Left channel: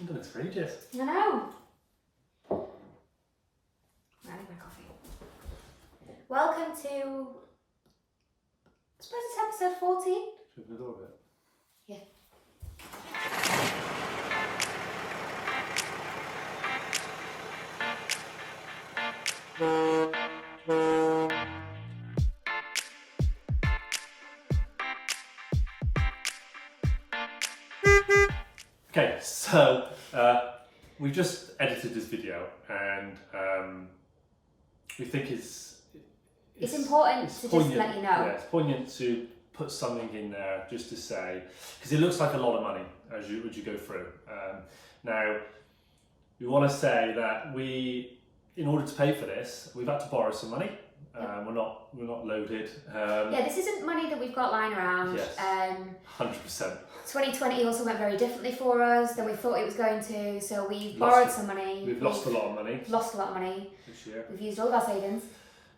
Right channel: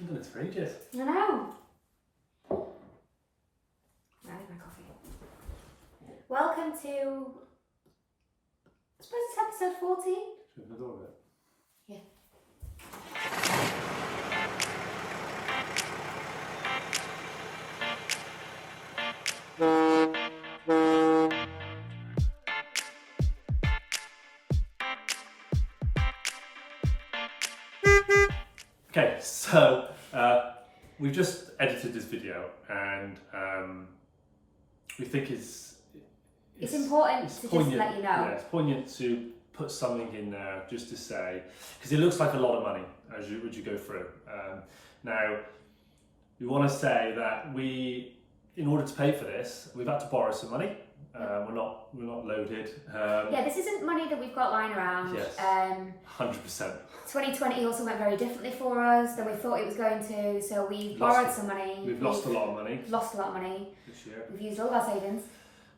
I've done this for ages. I know. Right, I need my coffee. Welcome to, I suppose it's episode 14. Should we open the door a bit? Yeah. Okay, so we've just edited this video, and we think it's important to just let you know. Yeah, it's poignant to put something in there just to say, because it looks like a lot of money as you go through. Now, we want to say that in order to pay for this, we've had to borrow some money. We're not loaded. Yeah, this isn't money that we've got lying around. Yes, 100%. 2020 also went very differently for us than we thought it was going to, so we borrowed some money. We've lost a lot of money. Lost a lot of money This year. We've used all of our savings.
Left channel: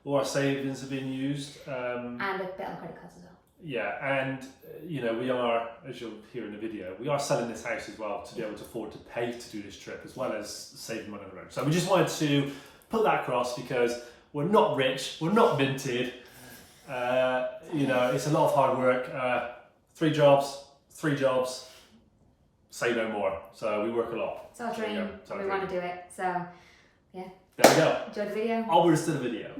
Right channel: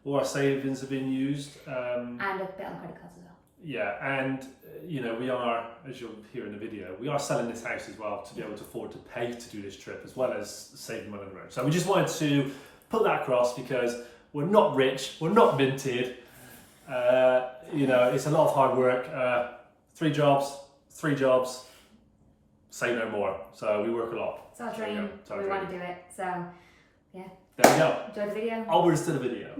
All our savings have been used. And a bit on credit cards as well. Yeah, and we are, as you'll hear in the video, we are selling this house as well to be able to afford to pay to do this trip, as well as saving money on the road. So we just wanted to put that across because we're not rich, we're not minted. It's a lot of hard work. 3 jobs, say no more. So we work a lot. It's our dream. We want to do it. So, yeah. There we go. Enjoy the video. Onwards to the video.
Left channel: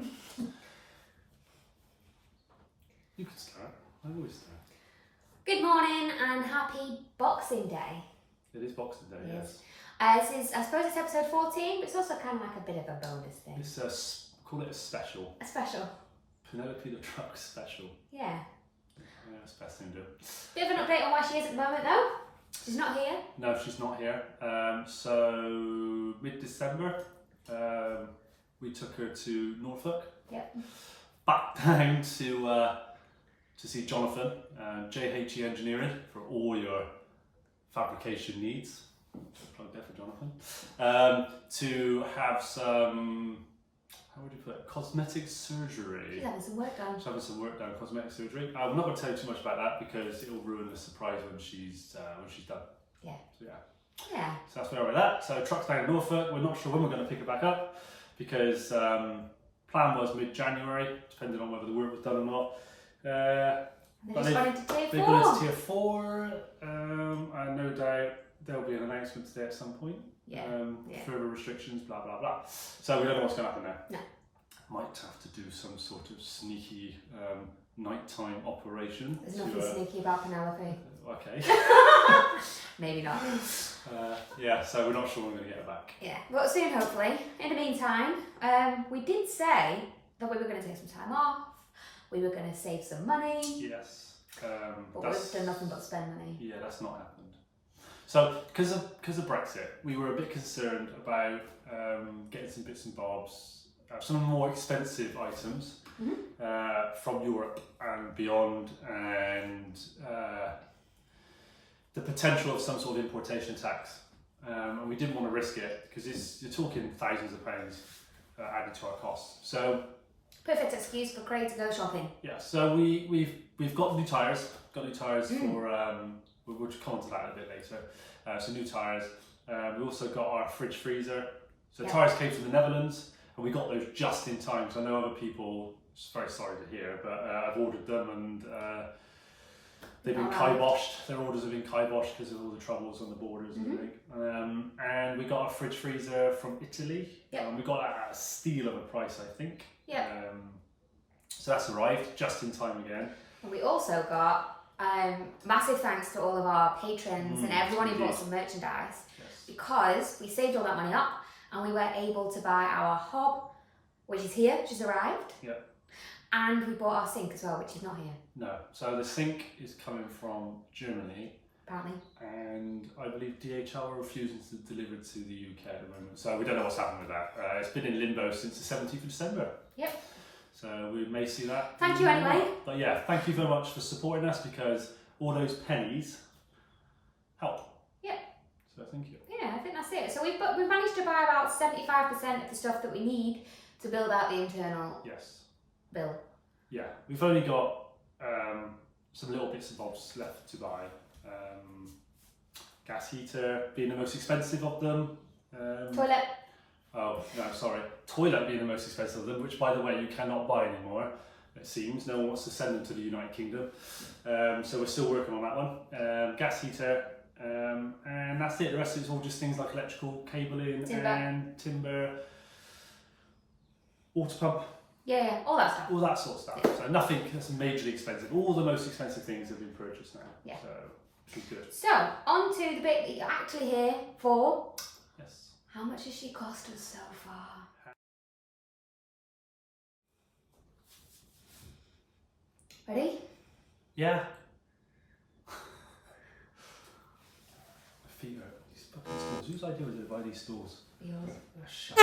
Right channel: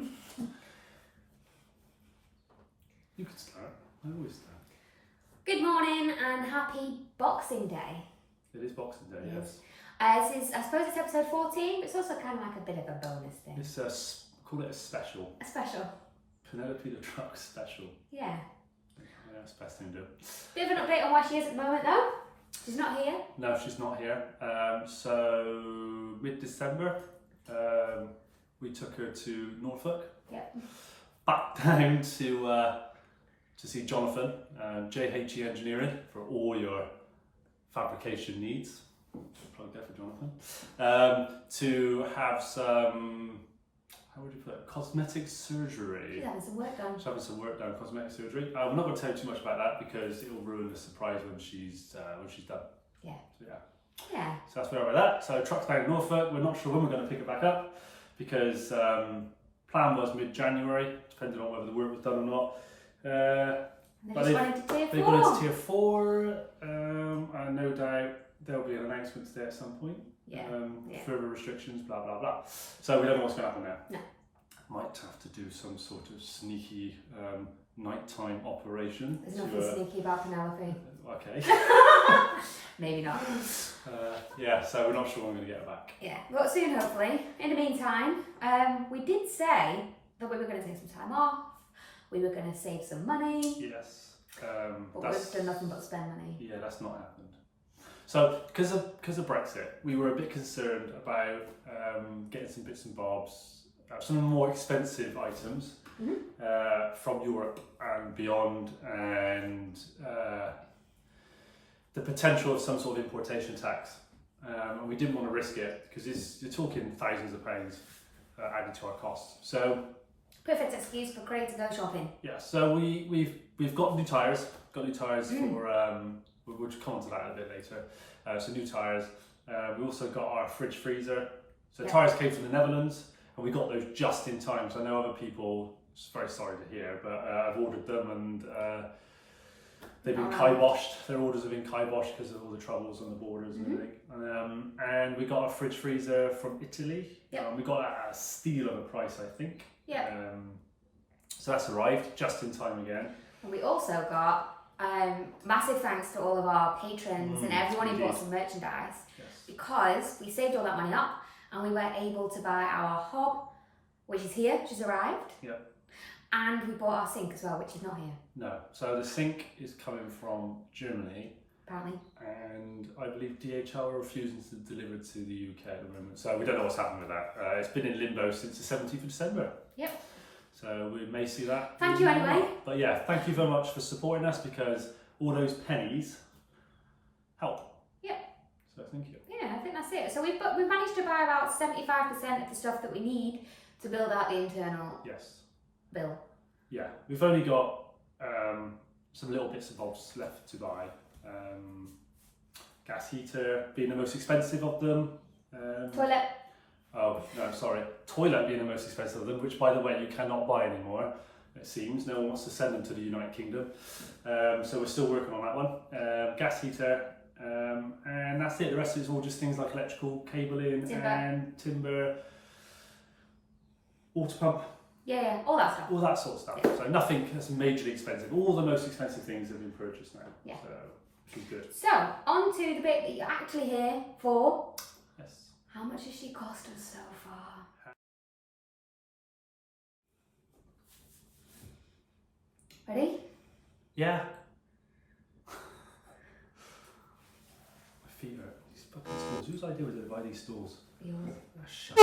You can start. I always start. Good morning and happy Boxing Day. It is Boxing Day, yes. This is, I suppose it's episode 14, but it's also kind of like a bit of a bonus thing. It's call it a special. A special. Penelope the Truck special. Yeah. Yeah, that's the best thing to do. Bit of an update on where she is at the moment though. She's not here. No, she's not here. So mid-December, we took her to Norfolk. Yep. Back down to see Jonathan, JHE Engineering, for all your fabrication needs. Plug there for Jonathan. To have some, how would you put it, cosmetic surgery. She's having some work done. She's having some work done, cosmetic surgery. We're not going to tell you too much about that because it will ruin the surprise when she's done. Yeah. So yeah. Yeah. So that's where we're at that. So truck's down in Norfolk. We're not sure when we're going to pick it back up because plan was mid-January, depending on whether the work was done or not. They just gone into tier 4. They've gone into tier 4, and no doubt there'll be an announcement today at some point. Yeah. Further restrictions, blah blah blah. So we don't know what's going to happen there. No. Might have to do some sort of sneaky nighttime operation. There's nothing sneaky about Penelope. Okay. Maybe not. Yeah, so we're not sure when we're going to get her back. Yeah, but soon hopefully. In the meantime, we did say that we were going to take some time off. We were going to save some money. Yes. But we've done nothing but spend money. Yeah, that's not happened. So, because of Brexit, we were a bit concerned about getting some bits and bobs, some more expensive items from Europe and beyond, and the potential of some sort of importation tax. And we didn't want to risk it because you're talking thousands of pounds added to our costs. So, perfect excuse for Craig to go shopping. yeah, so we've got new tyres. Got new tyres for. We'll come on to that a bit later. So new tyres. We also got our fridge freezer. So tyres came from the Netherlands, and we got those just in time. So I know other people, it's very sorry to hear, but I've ordered them and they've been kiboshed. Their orders have been kiboshed because of all the troubles on the borders and everything. And we got our fridge freezer from Italy. Yep. We got it at a steal of a price, I think. Yeah. So that's arrived just in time again. And we also got massive thanks to all of our patrons and everyone who bought some merchandise, because we saved all that money up and we were able to buy our hob, which is here, which has arrived. Yep. And we bought our sink as well, which is not here. No. So the sink is coming from Germany. Apparently. And I believe DHL are refusing to deliver to the UK at the moment. So we don't know what's happened with that. It's been in limbo since the 17th of December. Yep. So we may see that. Thank you anyway. But yeah, thank you very much for supporting us because all those pennies help. Yep. So thank you. Yeah, I think that's it. So we've managed to buy about 75% of the stuff that we need to build out the internal build. Yeah, we've only got some little bits and bobs left to buy. gas heater being the most expensive of them. Toilet. Oh, no, sorry. Toilet being the most expensive of them, which, by the way, you cannot buy anymore, it seems. No one wants to send them to the United Kingdom. So we're still working on that one. Gas heater, and that's it. The rest is all just things like electrical cabling and timber, water pump. Yeah, all that stuff. All that sort of stuff. Yeah. So nothing that's majorly expensive. All the most expensive things have been purchased now. Yeah. So, which is good. So, on to the bit that you're actually here for. Yes. How much has she cost us so far? Ready? Yeah. My feet hurt. These fucking stools. Whose idea was it to buy these stools? Yours. They're shite.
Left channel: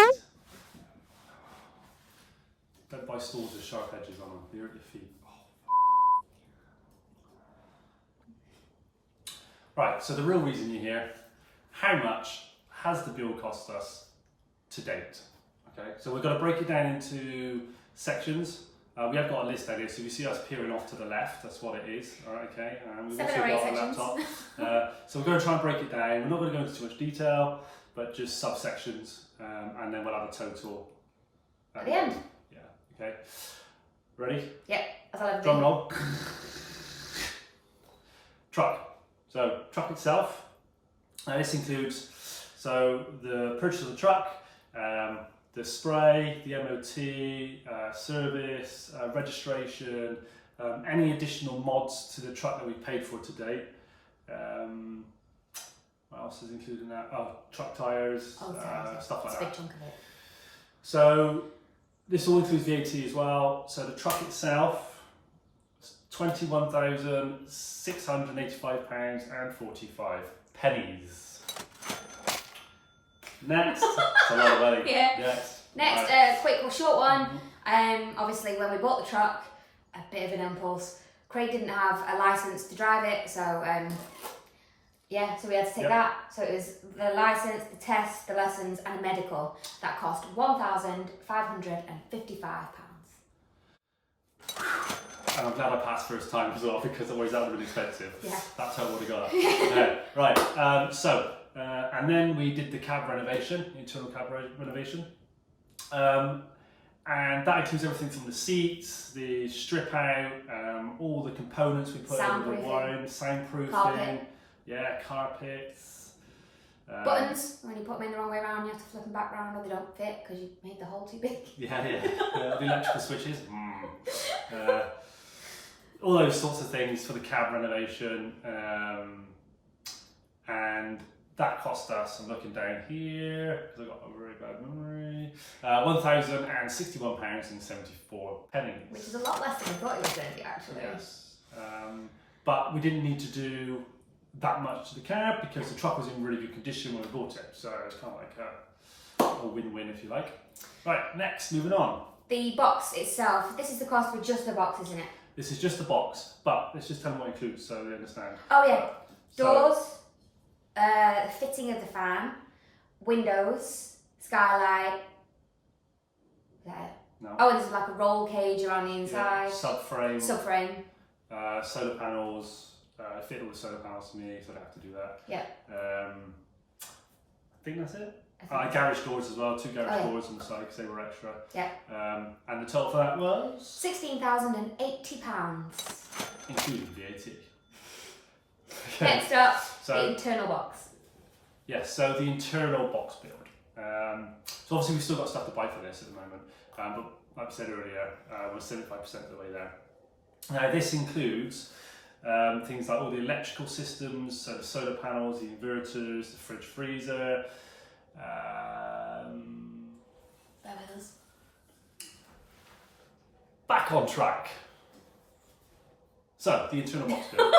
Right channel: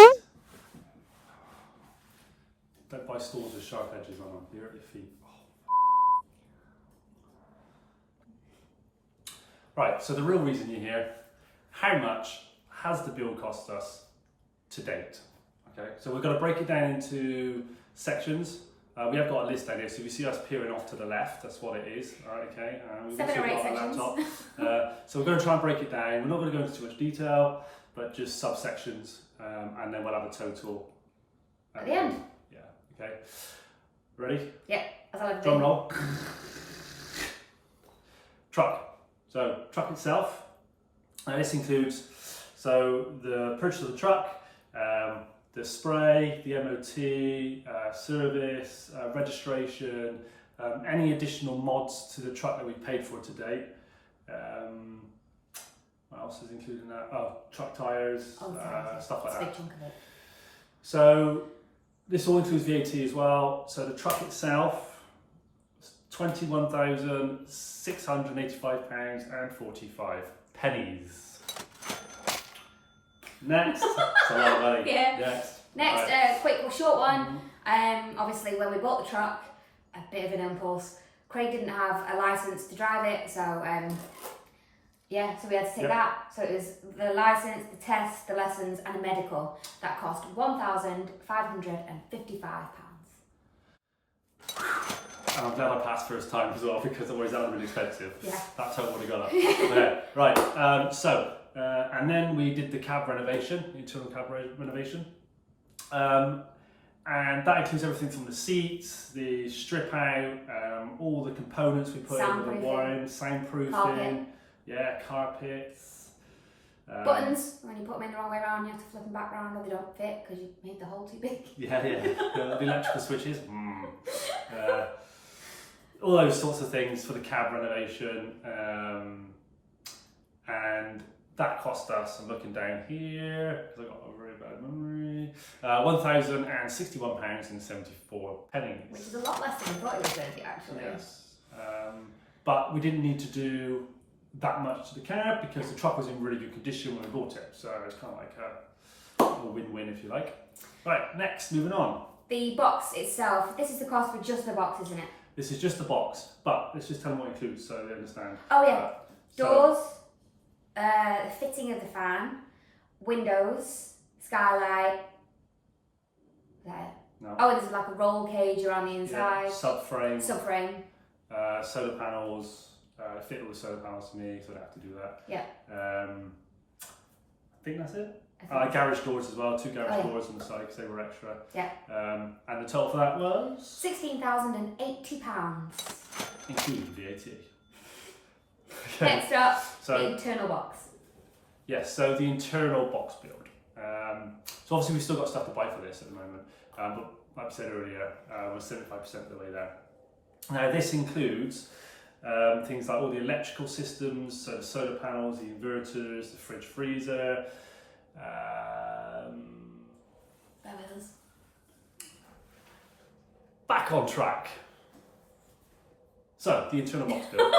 Don't buy stools with sharp edges on them. They hurt your feet. Oh. Right, so the real reason you're here, how much has the bill cost us to date? Okay, so we've got to break it down into sections. We have got a list down here, so if you see us peering off to the left, that's what it is. All right, okay. We've 7 also or 8 got a sections. laptop. So we're going to try and break it down. We're not going to go into too much detail, but just subsections, and then we'll have a total At the end. Yeah. Okay. Ready? Yeah. As I'll ever Drum do. roll. Truck. So truck itself. This includes the purchase of the truck, the spray, the MOT, service, registration, any additional mods to the truck that we've paid for to date. What else is included in that? Oh, truck tyres, stuff like It's a that. big chunk of it. So this all includes VAT as well. So the truck itself, £21,685.45. Next, that's a lot of money. Yeah. Next, Right. quick or short one. Obviously, when we bought the truck, a bit of an impulse. Craig didn't have a license to drive it, so so we had to take that. So it was the license, the test, the lessons, and a medical that cost £1,555. And I'm glad I passed first time as well, because otherwise that would have been expensive. Yeah. That total would have gone up. Okay, right. And then we did the cab renovation, internal cab renovation. And that includes everything from the seats, the strip out, all the components we put in with the wiring, soundproofing, Carpet. Carpets. Buttons, when you put them in the wrong way around, you have to flip them back round or they don't fit because you made the hole too big. Yeah. The electrical switches. All those sorts of things for the cab renovation. And that cost us, I'm looking down here, because I've got a very bad memory, £1,061.74. Which is a lot less than I thought it was going to be, actually. Yes. But we didn't need to do that much to the cab because the truck was in really good condition when we bought it. So it's kind of like a win-win, if you like. Right, next, moving on. The box itself, this is the cost for just the box, isn't it? This is just the box, but let's just tell them what it includes so they understand. Oh yeah, doors, the fitting of the fan, windows, skylight. There. No. Oh, and there's like a roll cage around the inside. Yeah, subframe. Subframe. Solar panels. Fit all the solar panels to me, so I don't have to do that. Yeah. I think that's it. Garage doors as well, 2 garage doors on the side because they were extra. Yeah. And the total for that was £16,080. including VAT. Next up, So the internal box. yes, so the internal box build. So obviously we've still got stuff to buy for this at the moment, but like I said earlier, we're 75% of the way there. Now this includes things like all the electrical systems, so the solar panels, the inverters, the fridge freezer. Bear with us. Back on track. So the internal box build.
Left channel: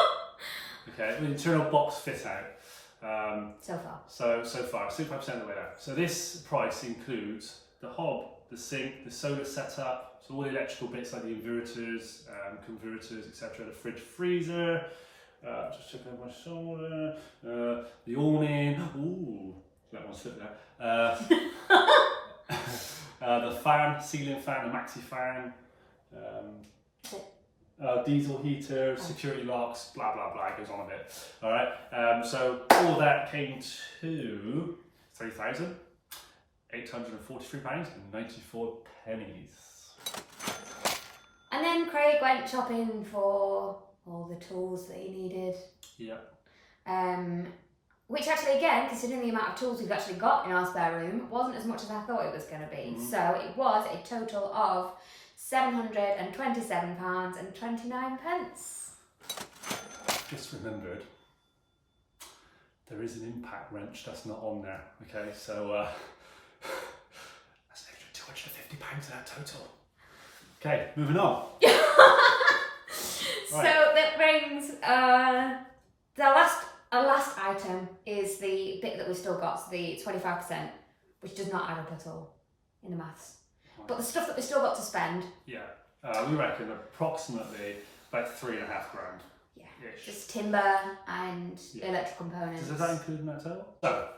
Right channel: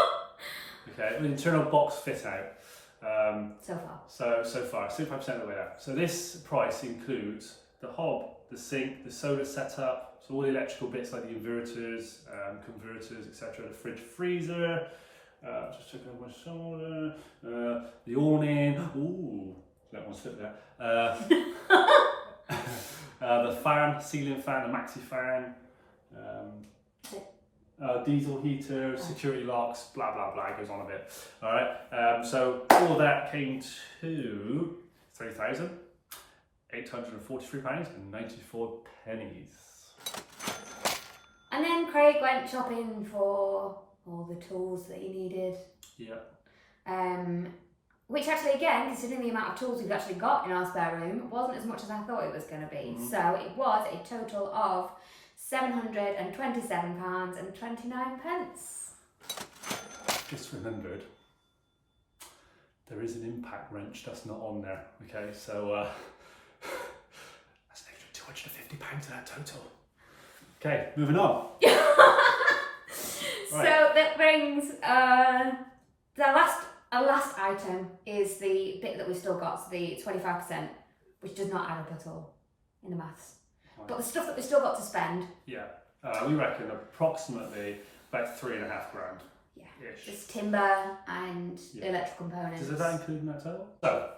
Okay, the internal box fit out. So far. So far, 65% of the way there. So this price includes the hob, the sink, the solar setup, so all the electrical bits like the inverters, converters, etc. The fridge freezer. Just check over my shoulder. The awning. Ooh, that one slip there. The fan, ceiling fan, the maxi fan. diesel heater, security locks, blah blah blah, it goes on a bit. All right, so all that came to £3,843.94. And then Craig went shopping for all the tools that he needed. Yeah. Which actually, again, considering the amount of tools we've actually got in our spare room, wasn't as much as I thought it was going to be. So it was a total of £727.29. Just remembered, there is an impact wrench that's not on there. Okay, so that's an extra £250 to that total. Okay, moving on. So that brings our last item is the bit that we've still got, so the 25%, which does not add up at all in the maths. Right. But the stuff that we've still got to spend. Yeah, we reckon approximately about £3,500. Yeah, just timber and electrical components. Does that include in that total? So,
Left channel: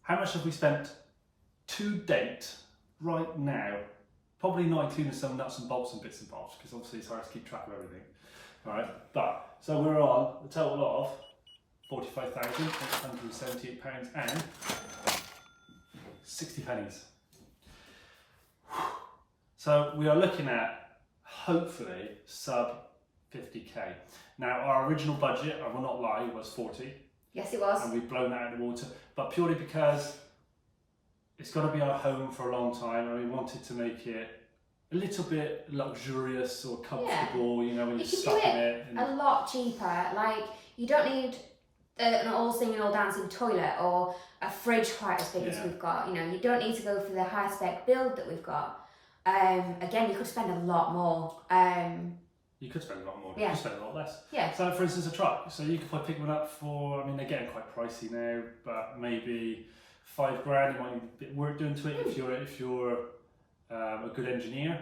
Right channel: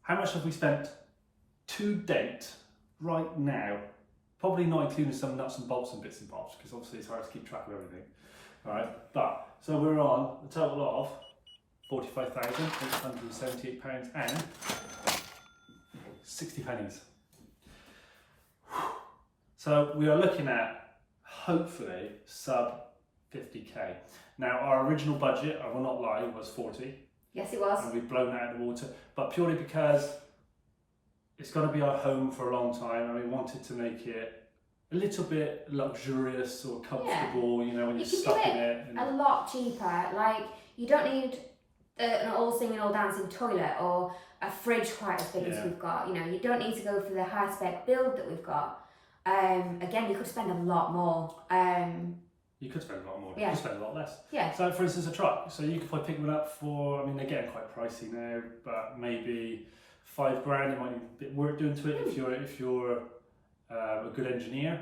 how much have we spent to date, right now? Probably not including some nuts and bolts and bits and bobs, because obviously it's hard to keep track of everything. All right, but so we're on a total of £45,878 and 60 pennies. So we are looking at hopefully sub 50k. Now our original budget, I will not lie, was 40. Yes, it was. And we've blown that out of the water, but purely because it's got to be our home for a long time, and we wanted to make it a little bit luxurious or comfortable, you know, when you're stuck in it. A lot cheaper. Like, you don't need an all singing, all dancing toilet or a fridge quite as big as we've got. You know, you don't need to go for the high spec build that we've got. Again, you could spend a lot more. You could spend a lot more, yeah. You could spend a lot less. Yeah. So for instance, a truck. So you could probably pick one up for, I mean, they're getting quite pricey now, but maybe £5,000. You might need a bit of work doing to it. If you're a good engineer,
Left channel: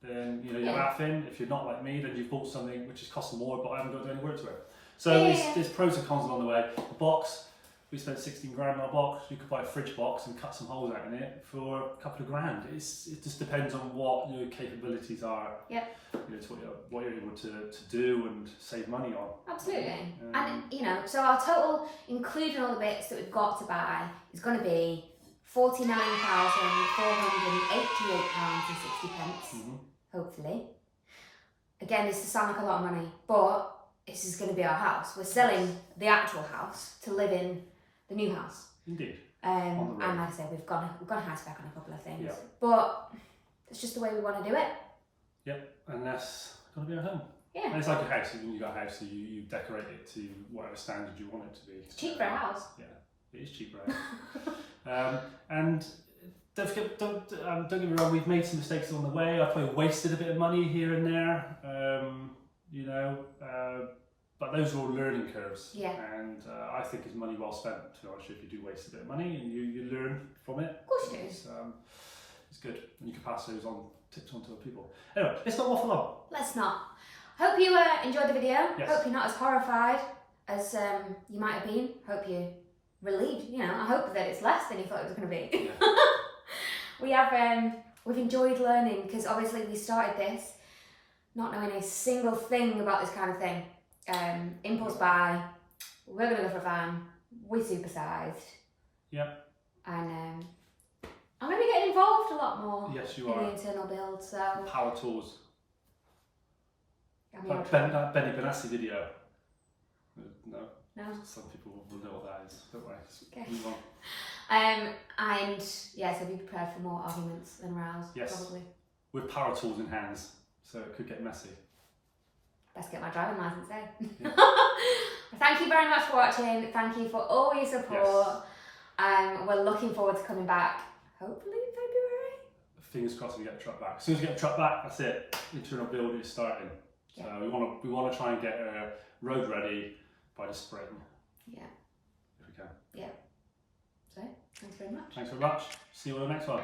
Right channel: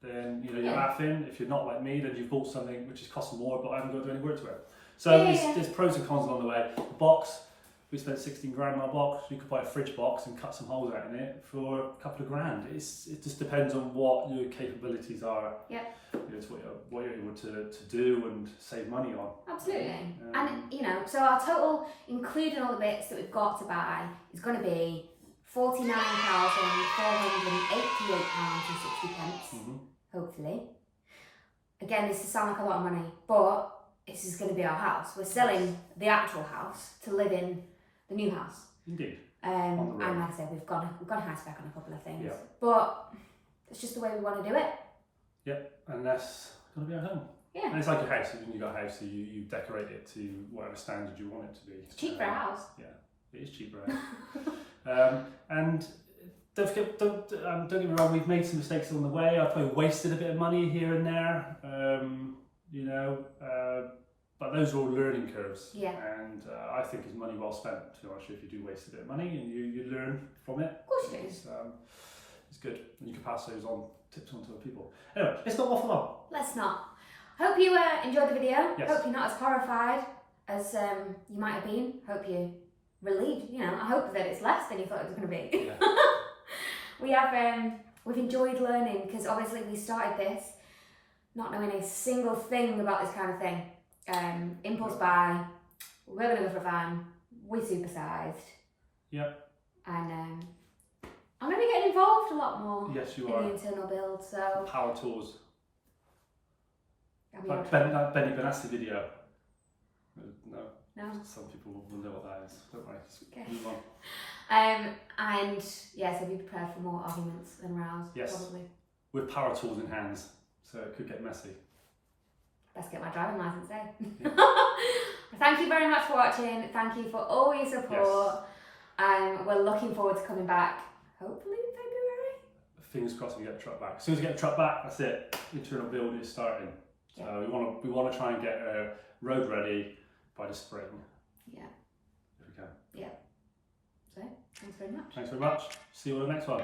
then you know you're laughing. If you're not like me, then you've bought something which is costing more, but I haven't got to do any work to it. So there's pros and cons along the way. The box, we spent £16,000 on a box. You could buy a fridge box and cut some holes out in it for a couple of grand. It just depends on what your capabilities are. Yep. You know, it's what you're able to do and save money on. Absolutely. And you know, so our total, including all the bits that we've got to buy, is going to be £49,488.60. Hopefully. Again, this does sound like a lot of money, but this is going to be our house. We're selling the actual house to live in the new house. Indeed. And like I said, we've got a high spec on a couple of things. Yeah. But it's just the way we want to do it. Yep, and that's going to be our home. Yeah. And it's like your house. When you got a house, you decorate it to whatever standard you want it to be. It's cheap for a house. Yeah, it is cheap for a house. And don't get me wrong, we've made some mistakes along the way. I've probably wasted a bit of money here and there, you know, but those are all learning curves. Yeah. And I think it's money well spent, to be honest, if you do waste a bit of money and you learn from it. Of course you do. It's good, and you can pass those tips on to other people. Anyway, let's not waffle on. Let's not. Hope you enjoyed the video. Yes. Hope you're not as horrified as you might have been. Hope you're relieved. You know, I hope that it's less than you thought it was going to be. Yeah. We've enjoyed learning, because obviously we started this not knowing a single thing about this kind of thing. Impulse buy. We're going to go for a van. We're supersized. Yep. And I'm going to be getting involved a lot more. Yes, you in are. the internal build. So Power tools. I mean, Like that Benny Benassi video. No. Some people will know what that is. Don't worry. Just move on. And yeah, so be prepared for more arguments than rows. Yes. Probably. With power tools in hands, so it could get messy. Best get my driving license, eh? Yeah. Thank you very much for watching. Thank you for all your support. Yes. We're looking forward to coming back, hopefully in February. Fingers crossed we get the truck back. As soon as we get the truck back, that's it. Internal build is starting. So we want to try and get road ready by the spring. Yeah. If we can. Yeah. So, thanks very much. Thanks very much. See you on the next one.